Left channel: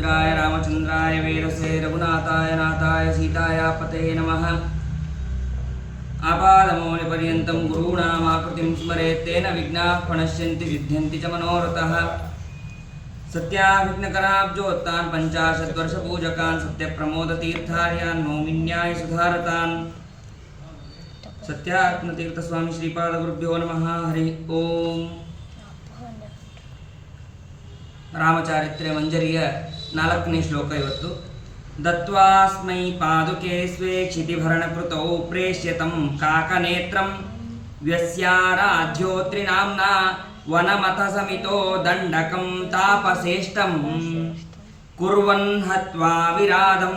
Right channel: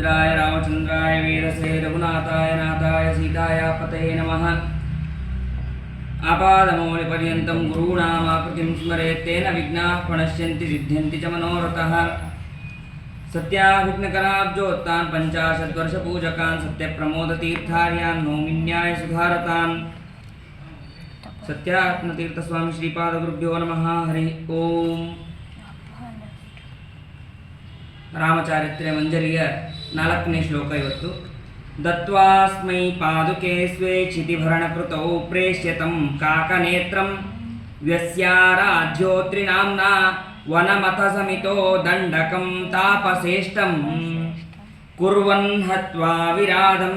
रामभद्राय रामचंद्राय वेदसे रघुनाथाय नाथाय सीताय पतये नमः। आपादमौलिपर्यन्तं गुरूणामाकृतिं स्मरेत् तेन विघ्नाः प्रणश्यन्ति सिद्ध्यन्ति च मनोरथः। सत्याविघ्नकराब्जोत्तान् पञ्चाशद्वर्षपूजकान् सत्यप्रमोदतीर्थार्यान् नौमिन्याय सुधारतान् सत्यात्मतीर्थस्वामी श्रीपादगुरुभ्यो नमः। हरि ओम। ರಾಮಚಾರಿತ್ರ್ಯ ಮಂಜರಿಯ 4ನೇ ಶ್ಲೋಕ ಇವತ್ತು. ದತ್ವಾಸ್ಮೈ ಪಾದುಕೆ ಸ್ವೇ ಕ್ಷಿತಿಭರಣಕೃತೌ ಪ್ರೇಷ್ಯತಂ ಕಾಕನೇತ್ರಂ ವ್ಯಸ್ಯಾರಾಜ್ಯೋತ್ರಿನಾಮ್ನ ವನಮಥ ಸಮಿತೋ ದಂಡಕಂ ತಾಪಸೇಷ್ಟಂ ಕುರ್ವನ್ ಹತ್ವಾ ವಿರಾಧಂ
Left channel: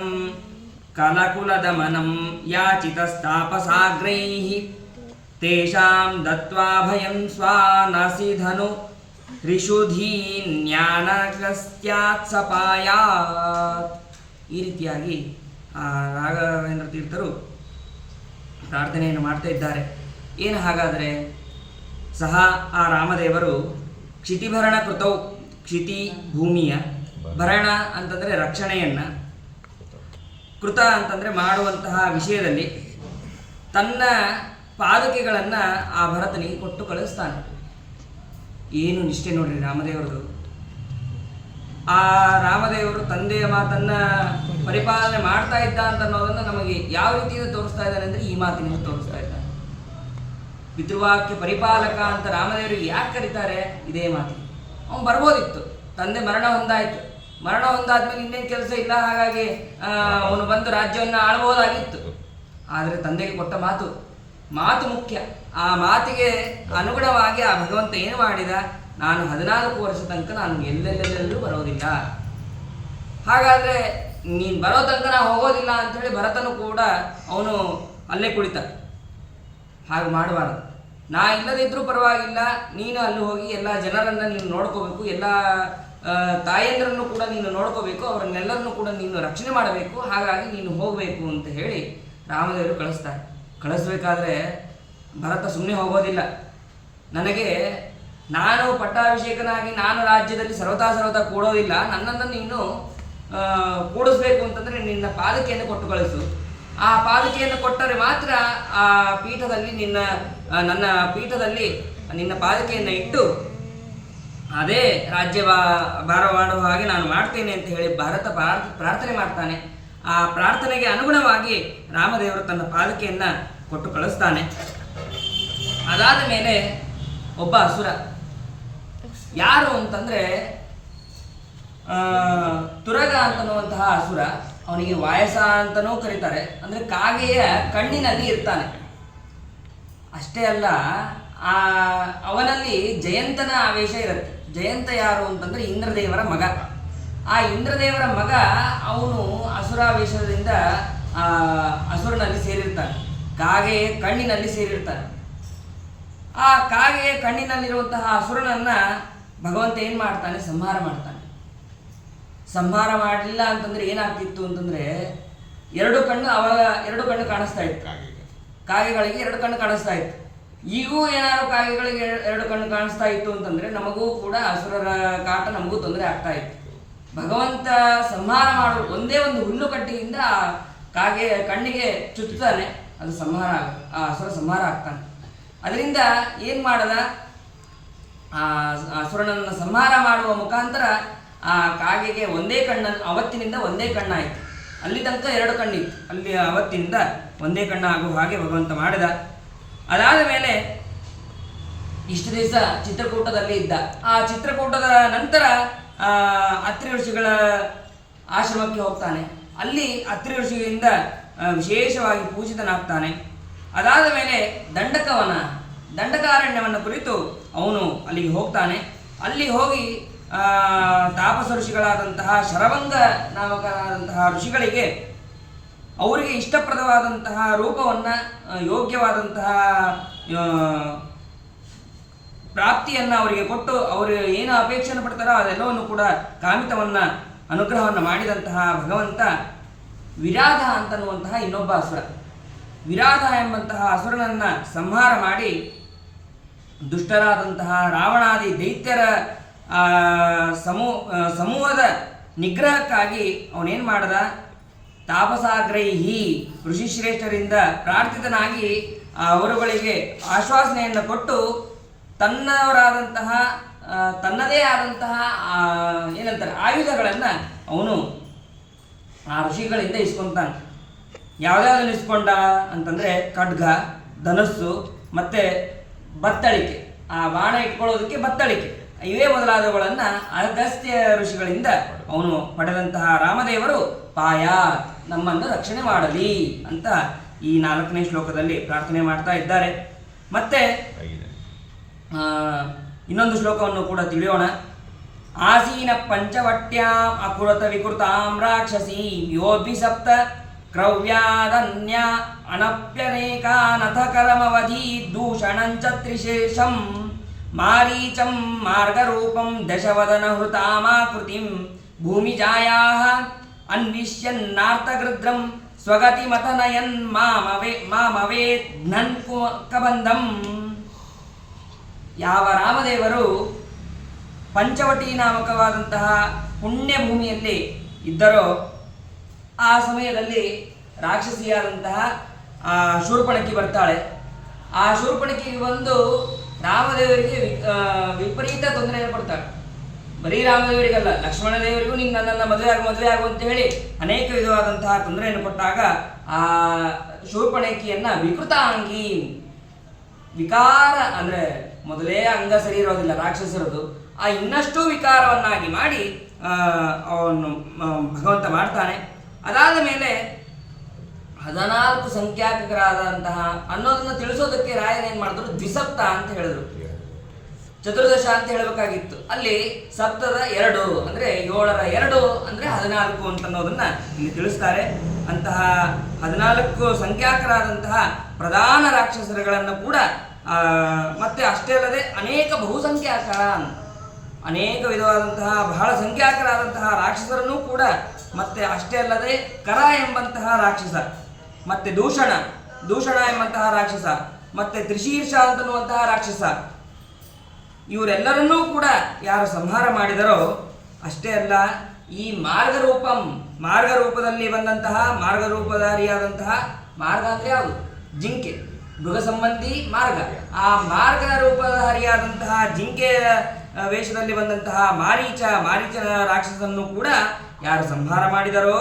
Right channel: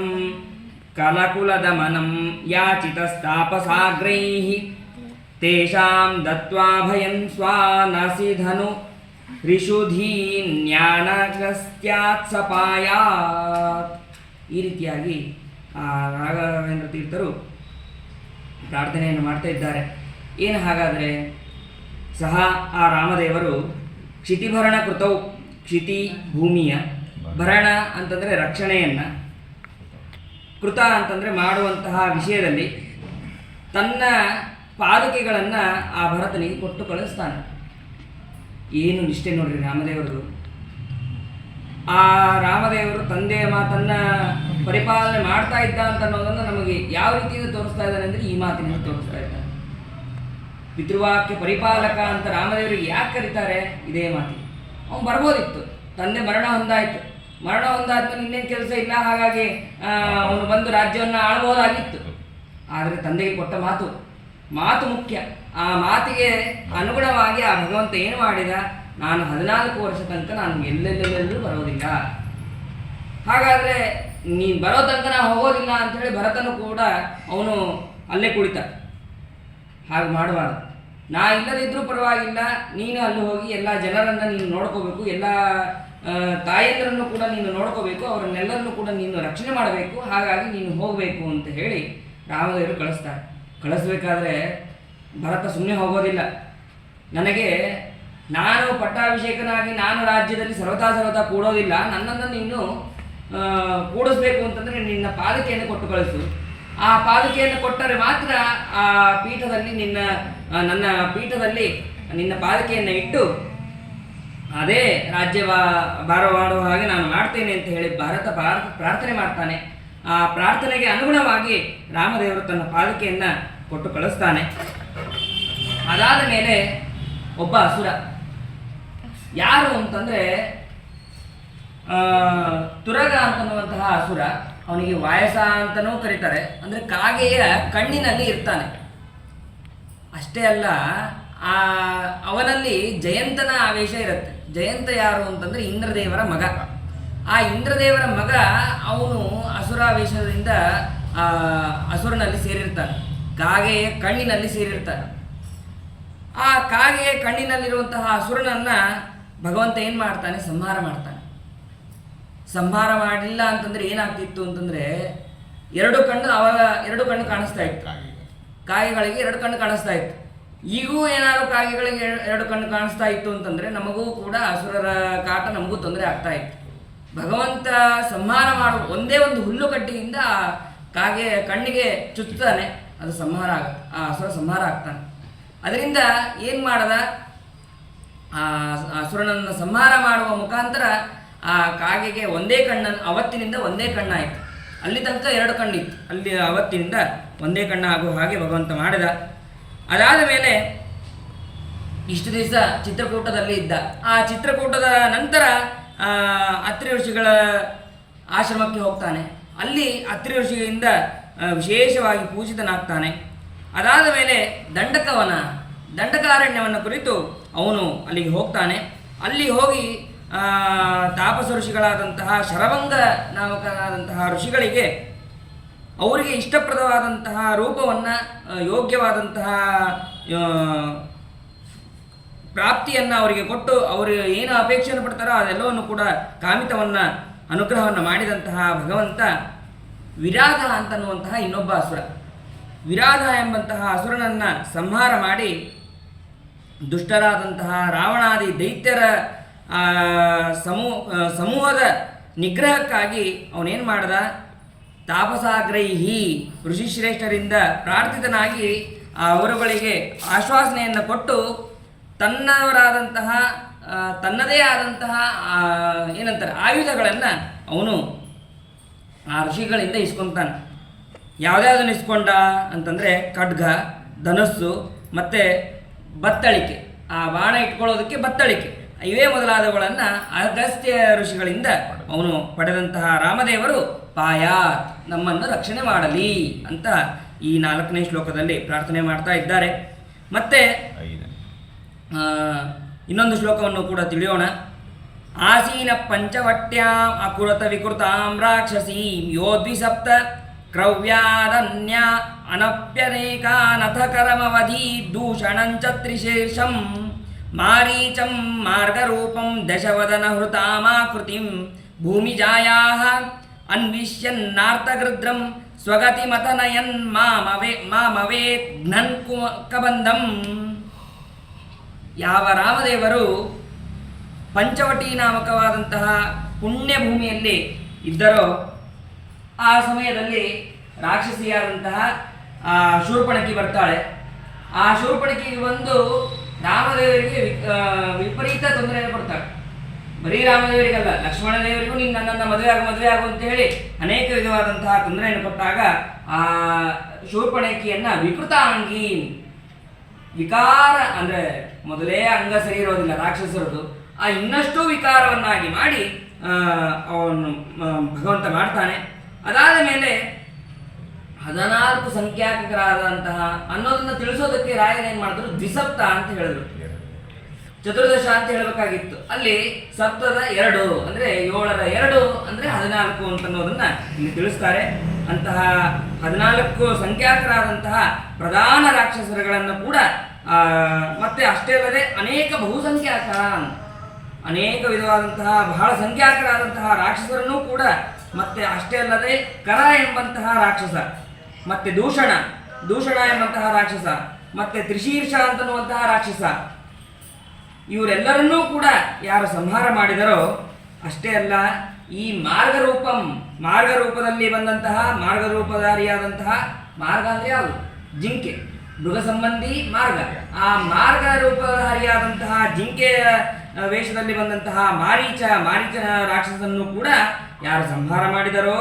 ಕಲಕುಲದಮನಂ ಯಾಚಿತಸ್ತಾಪಸಾಗ್ರೈಃ ತೇಷಾಂ ದತ್ವಾ ಭಯಂ ಸ್ವಾನಸಿಧನು ಋಷುಧೀನ್ಯಾನಗಸ್ತ್ಯಾತ್ಸಪಾಯಾತ್. ಈ ರೀತಿಯಾಗಿ ರಾಘವೇಂದ್ರ ತೀರ್ಥರು ಪ್ರಾರ್ಥನೆಯನ್ನು ಮಾಡ್ತಾ ಇದ್ದಾರೆ. ಏನು ಹಾಗಾದರೆ, ಸಹ ಆ ರಾಮದೇವರು ಕ್ಷಿತಿಭರಣ ಕೃತೌ, ಕ್ಷಿತಿ ಭೂಮಿಯ, ಭರಣ ಅಂತಂದರೆ ರಕ್ಷಣೆಯನ್ನು, ಕೃತ ಅಂತಂದರೆ ಮಾಡುವಂತಹ ವಿಷಯದಲ್ಲಿ ತನ್ನ ಪಾದುಕೆಗಳನ್ನು ಆ ಭರತನಿಗೆ ಕೊಟ್ಟು ಕಳಿಸ್ತಾನೆ. ಏನು ನಿಷ್ಠೆ ನೋಡ್ರಿ ರಾಮದೇವರದು. ಆ ರಾಮದೇವರು ತಂದೆಯ ಮಾತನ್ನು ಪರಿಪಾಲನೆ ಮಾಡ್ತಾ ಇದ್ದ ಅಂತ ಅನ್ನೋದನ್ನು ನಮಗೆ ಯಾವ ರೀತಿಯಿಂದ ತೋರಿಸ್ತಾ ಇದ್ದಾರೆ ಅಂದರೆ ಈ ಮಾತಿನಿಂದ ತೋರಿಸ್ತಾ ಇದ್ದಾರೆ. ಪಿತೃವಾಕ್ಯ ಪರಿಪಾಲಕ ಅಂತ ರಾಮದೇವರಿಗೆ ಯಾಕೆ ಕರೀತಾರೆ? ಇದೇ ಮಾತಿ. ಅವನು ಬರ್ಬೋದಿತ್ತು, ತಂದೆ ಮರಣ ಹೊಂದಾಯಿತು, ಮರಣ ಹೊಂದಾದ್ಮೇಲೆ ಇನ್ನೇನು ಕೆಲಸ ಇಲ್ಲ, ಹಾಗಾಗಿ ಅವನು ಬಂದು ರಾಜ್ಯವನ್ನು ಆಳ್ಬೋದಾಗಿತ್ತು. ಆದರೆ ತಂದೆಗೆ ಕೊಟ್ಟ ಮಾತು ಮುಖ್ಯ. ಆ ಮಾತಿಗೆ ಅನುಗುಣವಾಗಿ ಆ ಭಗವಂತ ಏನು ಮಾಡಿದ? ನಾನು 14 ವರ್ಷ ತನಕ ನಾನು ಎಲ್ಲೆಲ್ಲೆಲ್ಲೂ ಬರೋದಿಲ್ಲ, ಹಾಗಾದರೆ ನೀನು ಬರೋ ತನಕ ನಾನು ಹೋಗೋದಿಲ್ಲ ಅಂಥೇಳಿ ಭರತನು ಕೂಡ ಅವನು ಅಲ್ಲೇ ಕುಳಿತ. ಹಾಗೆ ಮಾಡಬಾರ್ದು. ನಾ ಇಲ್ಲದಿದ್ರೂ ಪರವಾಗಿಲ್ಲ, ನೀನು ಅಲ್ಲಿ ಹೋಗಿ ಎಲ್ಲ ಜನರನ್ನು ನೀನು ನೋಡ್ಕೋಬೇಕು, ಎಲ್ಲ ತಾಯಂದ್ರನ್ನು ಕೂಡ ನೀನು ನೋಡ್ಕೋಬೇಕು, ಅವರನ್ನೆಲ್ಲರನ್ನು ಕೂಡ ನೀನು ರಕ್ಷಣೆ ಮಾಡಬೇಕು, ಹಾಗಾಗಿ ನೀನು ಹೋಗಬೇಕು ಅಂತ ಹೇಳಿ ರಾಮದೇವರು ಕಳಿಸ್ತಾರೆ. ಕಳಿಸ್ಬೇಕಾದ್ರೆ ಭರತ ಸುಮ್ಮನೆ ಹೋಗೋದಿಲ್ಲ. ನನಗೆ ನಾನು ಪಟ್ಟಾಭಿಷೇಕನಾಗಿ ನಾನು ರಾಜ್ಯದಲ್ಲಿ ಸರ್ವತಾ ಕೂಡೋದಿಲ್ಲ, ನನ್ನನ್ನು ನೀನು ಕೂಡಿಸ್ಬೇಕು ಅಂತಂದರೆ ನಿನ್ನ ಪಾದಕೆಯನ್ನು ಕೊಟ್ಟು ಕಳಿಸು. ಆ ಪಾದಕೆಯನ್ನು ಕೊಟ್ಟರೆ ಮಾತ್ರ ಆ ಪೀಠದಲ್ಲಿ ನನ್ನ ಪೀಠದಲ್ಲಿ ನಿನ್ನ ಪಾದಕೆಯನ್ನು ಇಟ್ಟು ಅದೇ ರಾಜ್ಯ ಭಾರ ಮಾಡುವ ಹಾಗೆ ನಾನು ಮಾಡ್ತೇನೆ ಅಂತ ಹೇಳಿ ಭರತ ಪ್ರಾರ್ಥನೆ ಮಾಡ್ತಾನೆ. ಆ ಪ್ರಾರ್ಥನೆಗೆ ಅನುಗುಣವಾಗಿ ರಾಮದೇವರು ತನ್ನ ಪಾದಕೆಯನ್ನು ಕೊಟ್ಟು ಕಳಿಸ್ತಾನೆ. ಅದಾದ ಮೇಲೆ ಒಬ್ಬ ಅಸುರ, ಯಾರು ಅಂತಂದರೆ ತುರಗ ಅಂತನ್ನುವಂತಹ ಅಸುರ. ಅವನಿಗೆ ವಾಯಸ ಅಂತನೂ ಕರೀತಾರೆ. ಅಂದರೆ ಕಾಗೆಯ ಕಣ್ಣಿನಲ್ಲಿ ಇರ್ತಾನೆ. ಅಷ್ಟೇ ಅಲ್ಲ, ಅವನಲ್ಲಿ ಜಯಂತನ ಆವೇಶ ಇರುತ್ತೆ. ಜಯಂತ ಯಾರು ಅಂತಂದರೆ ಇಂದ್ರದೇವರ ಮಗ. ಆ ಇಂದ್ರದೇವರ ಮಗ ಅವನು ಅಸುರಾವೇಶದಿಂದ ಅಸುರನಲ್ಲಿ ಸೇರಿರ್ತಾನೆ, ಕಾಗೆಯ ಕಣ್ಣಿನಲ್ಲಿ ಸೇರಿರ್ತಾನೆ. ಆ ಕಾಗೆಯ ಕಣ್ಣಿನಲ್ಲಿರುವಂತಹ ಅಸುರನನ್ನು ಭಗವಂತ ಏನು ಮಾಡ್ತಾನೆ? ಸಂಹಾರ ಮಾಡ್ತಾನೆ. ಸಂಹಾರ ಮಾಡಲಿಲ್ಲ ಅಂತಂದರೆ ಏನಾಗ್ತಿತ್ತು ಅಂತಂದರೆ ಎರಡು ಕಣ್ಣು ಕಾಣಿಸ್ತಾ ಇತ್ತು. ಕಾಗೆಗಳಿಗೆ 2 ಕಣ್ಣು ಕಾಣಿಸ್ತಾ ಇತ್ತು. ಈಗೂ ಏನಾದರೂ ಕಾಗೆಗಳಿಗೆ 2 ಕಣ್ಣು ಕಾಣಿಸ್ತಾ ಇತ್ತು ಅಂತಂದರೆ ನಮಗೂ ಕೂಡ ಅಸುರರ ಕಾಟ ನಮಗೂ ತೊಂದರೆ ಆಗ್ತಾ ಇತ್ತು. ಭಗವಂತ ಸಂಹಾರ ಮಾಡುವ ಒಂದೇ ಒಂದು ಹುಲ್ಲು ಕಡ್ಡಿಯಿಂದ ಕಾಗೆ ಕಣ್ಣಿಗೆ ಚುಚ್ಚುತ್ತಾನೆ, ಅದು ಸಂಹಾರ ಆ ಅಸುರ ಸಂಹಾರ ಆಗ್ತಾನೆ. ಅದರಿಂದ ಏನು ಮಾಡದ? ಆ ಅಸುರನನ್ನು ಸಂಹಾರ ಮಾಡುವ ಮುಖಾಂತರ ಆ ಕಾಗೆಗೆ ಒಂದೇ ಕಣ್ಣನ್ನು, ಅವತ್ತಿನಿಂದ ಒಂದೇ ಕಣ್ಣಾಯಿತು. ಅಲ್ಲಿ ತನಕ 2 ಕಣ್ಣಿತ್ತು, ಅಲ್ಲಿ ಅವತ್ತಿನಿಂದ ಒಂದೇ ಕಣ್ಣಾಗುವ ಹಾಗೆ ಭಗವಂತ ಮಾಡಿದ. ಅದಾದ ಮೇಲೆ ಇಷ್ಟು ದಿವಸ ಚಿತ್ರಕೂಟದಲ್ಲಿ ಇದ್ದ. ಆ ಚಿತ್ರಕೂಟದ ನಂತರ ಅತ್ರಿ ಋಷಿಗಳ ಆಶ್ರಮಕ್ಕೆ ಹೋಗ್ತಾನೆ. ಅಲ್ಲಿ ಅತ್ರಿ ಋಷಿಯಿಂದ ವಿಶೇಷವಾಗಿ ಪೂಜಿತನಾಗ್ತಾನೆ. ಅದಾದ ಮೇಲೆ ದಂಡಕಾರಣ್ಯವನ್ನು ಕುರಿತು ಅವನು ಅಲ್ಲಿಗೆ ಹೋಗ್ತಾನೆ. ಅಲ್ಲಿ ಹೋಗಿ ತಾಪಸ ಋಷಿಗಳಾದಂತಹ ಶರಭಂಗ ನಾಮಕರಾದಂತಹ ಋಷಿಗಳಿಗೆ ಅವರಿಗೆ ಇಷ್ಟಪ್ರದವಾದಂತಹ ರೂಪವನ್ನು, ಯೋಗ್ಯವಾದಂತಹ ಪ್ರಾಪ್ತಿಯನ್ನು ಅವರಿಗೆ ಕೊಟ್ಟು ಅವರು ಏನು ಅಪೇಕ್ಷೆಯನ್ನು ಪಡ್ತಾರೋ ಅದೆಲ್ಲವನ್ನು ಕೂಡ ಕಾಮಿತವನ್ನು ಅನುಗ್ರಹವನ್ನು ಮಾಡಿದಂತಹ ಭಗವಂತ ವಿರಾಧ ಅಂತನ್ನುವಂತಹ ಇನ್ನೊಬ್ಬ ಅಸುರ, ವಿರಾಧ ಎಂಬಂತಹ ಅಸುರನನ್ನು ಸಂಹಾರ ಮಾಡಿ ದುಷ್ಟರಾದಂತಹ ರಾವಣಾದಿ ದೈತ್ಯರ ಸಮೂಹದ ನಿಗ್ರಹಕ್ಕಾಗಿ ಅವನೇನು ಮಾಡ್ದ, ತಾಪಸಾಗ್ರಹಿ ಋಷಿಶ್ರೇಷ್ಠರಿಂದ ಪ್ರಾರ್ಥಿತನಾಗಿ ಅವರುಗಳಿಗೆ ಆಶ್ವಾಸನೆಯನ್ನು ಕೊಟ್ಟು ತನ್ನವರಾದಂತಹ ತನ್ನದೇ ಆದಂತಹ ಏನಂತಾರೆ ಆಯುಧಗಳನ್ನು ಅವನು ಆ ಋಷಿಗಳಿಂದ ಇಸ್ಕೊತಾನೆ. ಯಾವುದ್ಯಾವುದನ್ನು ಇಸ್ಕೊಂಡ ಅಂತಂದರೆ ಖಡ್ಗ, ಧನಸ್ಸು ಮತ್ತು ಬತ್ತಳಿಕೆ, ಆ ಬಾಣ ಇಟ್ಕೊಳ್ಳೋದಕ್ಕೆ ಬತ್ತಳಿಕೆ, ಇವೇ ಮೊದಲಾದವುಗಳನ್ನು ಅಗಸ್ತ್ಯ ಋಷಿಗಳಿಂದ ಅವನು ಪಡೆದಂತಹ ರಾಮದೇವರು ಪಾಯಾತ್ ನಮ್ಮನ್ನು ರಕ್ಷಣೆ ಮಾಡಲಿ ಅಂತ ಈ 4ನೇ ಶ್ಲೋಕದಲ್ಲಿ ಪ್ರಾರ್ಥನೆ ಮಾಡ್ತಾ ಇದ್ದಾರೆ. ಮತ್ತೆ ಇನ್ನೊಂದು ಶ್ಲೋಕವನ್ನು ಕೂಡ ತಿಳಿಯೋಣ. ಆಸೀನ ಪಂಚವಟ್ಯಾಂ ಅಕುರತ ವಿಕೃತಾಂ ರಾಕ್ಷಸೀಂ ಯೋದ್ವಿಸಪ್ತ ಕ್ರವ್ಯಾದನ್ಯ ಅನಪ್ಯನೇಕಾನಥ ಕರಮವಧಿ ದೂಷಣಂಚ ತ್ರಿಶೇಷಂ ಮಾರೀಚಂ ಮಾರ್ಗರೂಪಂ ದಶವದನ ಹೃತಾಮಾಕೃತಿಂ ಭೂಮಿಜಾಯಾಃ ಅನ್ವಿಷ್ಯನ್ನಾರ್ತಗೃದ್ರಂ ಸ್ವಗತಿಮತನಯನ್ ಮಾಮವೇತ್ ಘ್ನನ್ ಕಬಂಧಂ. ಯಾವ ರಾಮದೇವರು ಪಂಚವಟಿ ನಾಮಕವಾದಂತಹ ಪುಣ್ಯ ಭೂಮಿಯಲ್ಲಿ ಇದ್ದರೋ ಆ ಸಮಯದಲ್ಲಿ ರಾಕ್ಷಸಿಯಾದಂತಹ ಶೂರ್ಪಣಖಿ ಬರ್ತಾಳೆ. ಆ ಶೂರ್ಪಣಖಿಗೆ ಬಂದು ರಾಮದೇವರಿಗೆ ವಿಪರೀತ ತೊಂದರೆಯನ್ನು ಕೊಡ್ತಾಳೆ. ಬರೀ ರಾಮದೇವರಿಗಲ್ಲ, ಲಕ್ಷ್ಮಣ ದೇವರಿಗೂ ನೀನು ನನ್ನನ್ನು ಮದುವೆ ಆಗು ಅಂತ ಹೇಳಿ ಅನೇಕ ವಿಧವಾದಂತಹ ತೊಂದರೆಯನ್ನು ಕೊಟ್ಟಾಗ ಆ ಶೂರ್ಪಣಖಿಯನ್ನು ವಿಕೃತಾಂಗಿ, ವಿಕಾರ ಅಂದರೆ ಮೊದಲೇ ಅಂಗ ಸರಿ ಇರೋದಿಲ್ಲ ರಾಕ್ಷಸರದು, ಆ ಇನ್ನಷ್ಟು ವಿಕಾರವನ್ನಾಗಿ ಮಾಡಿ ಅವನು ಭಗವಂತ ಮಾಡ್ತಾನೆ. ಅದಾದ ಮೇಲೆ 14 ಸಂಖ್ಯಾಕರಾದಂತಹ ಅನ್ನೋದನ್ನು ತಿಳಿಸೋದಕ್ಕೆ ರಾಯನೇನು ಮಾಡಿದ್ರು, ದ್ವಿಸಪ್ತ ಅಂತ ಹೇಳಿದ್ರು. ಚತುರ್ದಶ ಅಂತ ಹೇಳಬೇಕಾಗಿತ್ತು, ಅಲ್ಲಿ ಸಪ್ತದ 2 ಅಂದರೆ 7ರ 2 ಅಂದರೆ 14 ಅಂತ ಅನ್ನೋದನ್ನ ಇಲ್ಲಿ ತಿಳಿಸ್ತಾರೆ. ಅಂತಹ 14 ಸಂಖ್ಯಾಕರಾದಂತಹ ಪ್ರಧಾನ ರಾಕ್ಷಸರುಗಳನ್ನು ಕೂಡ ಮತ್ತೆ ಅಷ್ಟೇ ಅಲ್ಲದೆ ಅನೇಕ ಬಹುಸಂಖ್ಯಾಕ, ಅನೇಕ ವಿಧವಾದಂತಹ ಬಹಳ ಸಂಖ್ಯಾಕರಾದಂತಹ ರಾಕ್ಷಸರನ್ನು ಕೂಡ, ಮತ್ತೆ ಅಷ್ಟೇ ಅಲ್ಲದೆ ಕರ ಎಂಬಂತಹ ರಾಕ್ಷಸ, ಮತ್ತೆ ದೂಷಣ ಎಂಬಂತಹ ರಾಕ್ಷಸ, ಮತ್ತೆ ತ್ರಿಶೀರ್ಷ ಅಂತನ್ನುವಂತಹ ರಾಕ್ಷಸ, ಇವರೆಲ್ಲರನ್ನೂ ಕೂಡ ಯಾರು ಸಂಹಾರ ಮಾಡಿದರೋ ಅಷ್ಟೇ ಅಲ್ಲ, ಈ ಮಾರ್ಗರೂಪದಲ್ಲಿ ಬಂದಂತಹ ಮಾರ್ಗರೂಪಧಾರಿಯಾದಂತಹ, ಮಾರ್ಗ ಅಂದರೆ ಯಾವುದು, ಜಿಂಕೆ, ಮೃಗ ಸಂಬಂಧಿ ಮಾರ್ಗ, ಆ ಮಾರ್ಗ ರೂಪಧಾರಿಯಾದಂತಹ ಜಿಂಕೆಯ ವೇಷದಲ್ಲಿ ಬಂದಂತಹ ಮಾರೀಚನ ರಾಕ್ಷಸನ್ನು ಕೂಡ ಯಾರು ಸಂಹಾರ ಮಾಡಿದರೋ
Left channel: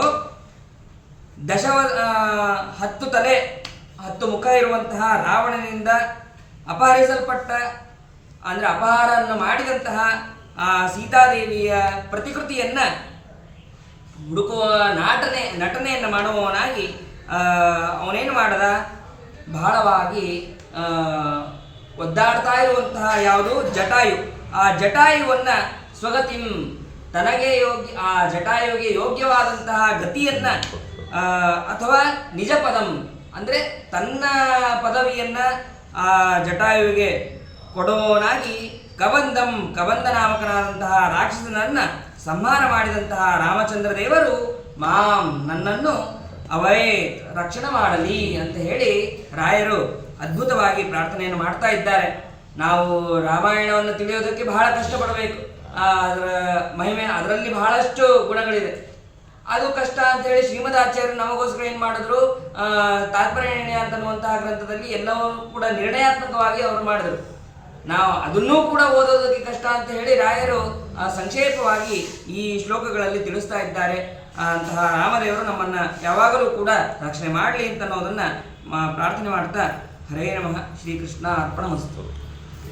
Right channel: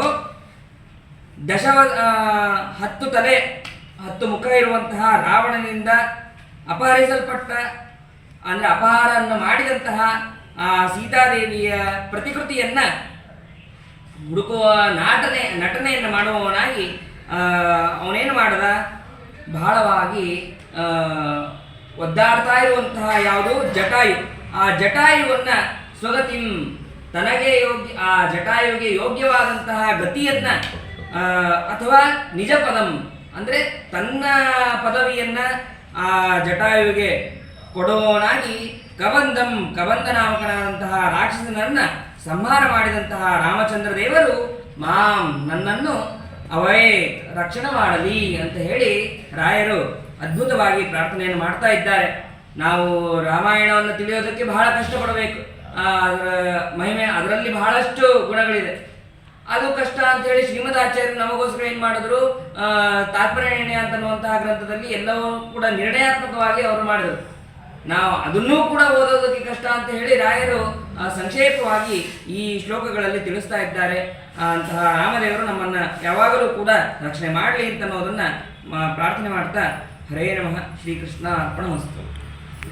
10 ತಲೆ 10 ಮುಖ ಇರುವಂತಹ ರಾವಣನಿಂದ ಅಪಹರಿಸಲ್ಪಟ್ಟ ಅಂದರೆ ಅಪಹಾರವನ್ನು ಮಾಡಿದಂತಹ ಆ ಸೀತಾದೇವಿಯ ಪ್ರತಿಕೃತಿಯನ್ನ ಹುಡುಕುವ ನಟನೆಯನ್ನು ಮಾಡುವವನಾಗಿ ಅವನೇನು ಮಾಡದ, ಬಹಳವಾಗಿ ಒದ್ದಾಡ್ತಾ ಇರುವಂತಹ ಯಾವುದು ಜಟಾಯು, ಆ ಜಟಾಯುವನ್ನು ಸ್ವಗತಿಂ ತನಗೆ ಆ ಜಟಾಯುವಿಗೆ ಯೋಗ್ಯವಾದಂತಹ ಗತಿಯನ್ನ ಅಥವಾ ನಿಜ ಪದಂ ಅಂದರೆ ತನ್ನ ಪದವಿಯನ್ನ ಆ ಜಟಾಯುವಿಗೆ ಕೊಡುವವನಾಗಿ ಕಬಂಧ ನಾಮಕನಾದಂತಹ ರಾಕ್ಷಸನನ್ನ ಸಂಹಾರ ಮಾಡಿದಂತಹ ರಾಮಚಂದ್ರ ದೇವರು ನನ್ನನ್ನು ಅವೇ ರಕ್ಷಣೆ ಮಾಡಲಿ ಅಂತ ಹೇಳಿ ರಾಯರು ಅದ್ಭುತವಾಗಿ ಪ್ರಾರ್ಥನೆಯನ್ನು ಮಾಡ್ತಾ ಇದ್ದಾರೆ. ನಾವು ರಾಮಾಯಣವನ್ನು ತಿಳಿಯೋದಕ್ಕೆ ಬಹಳ ಕಷ್ಟಪಡಬೇಕು, ಅದರ ಮಹಿಮೆ, ಅದರಲ್ಲಿ ಬಹಳಷ್ಟು ಗುಣಗಳಿದೆ. ಅದು ಕಷ್ಟ ಅಂತ ಹೇಳಿ ಶ್ರೀಮದಾಚಾರ್ಯರು ನಮಗೋಸ್ಕರ ಏನು ಮಾಡಿದ್ರು, ತಾತ್ಪರ್ಯ ನಿರ್ಣಯ ಅಂತನ್ನುವಂತಹ ಗ್ರಂಥದಲ್ಲಿ ಎಲ್ಲವೂ ಕೂಡ ನಿರ್ಣಯಾತ್ಮಕವಾಗಿ ಅವರು ಮಾಡಿದರು. ನಾವು ಅದನ್ನೂ ಕೂಡ ಓದೋದಕ್ಕೆ ಕಷ್ಟ ಅಂತ ಹೇಳಿ ರಾಯರು ಸಂಕ್ಷೇಪವಾಗಿ ಈ ಶ್ಲೋಕಗಳಲ್ಲಿ ತಿಳಿಸ್ತಾ ಇದ್ದಾರೆ. ಅಂತಹ ರಾಮದೇವರು ನಮ್ಮನ್ನ ಯಾವಾಗಲೂ ಕೂಡ ರಕ್ಷಣೆ ಮಾಡಲಿ ಅಂತ ಅನ್ನೋದನ್ನ ಪ್ರಾರ್ಥನೆ ಮಾಡ್ತಾ, ಹರೇ ನಮಃ, ಶ್ರೀಕೃಷ್ಣ ಅರ್ಪಣಮಸ್ತು.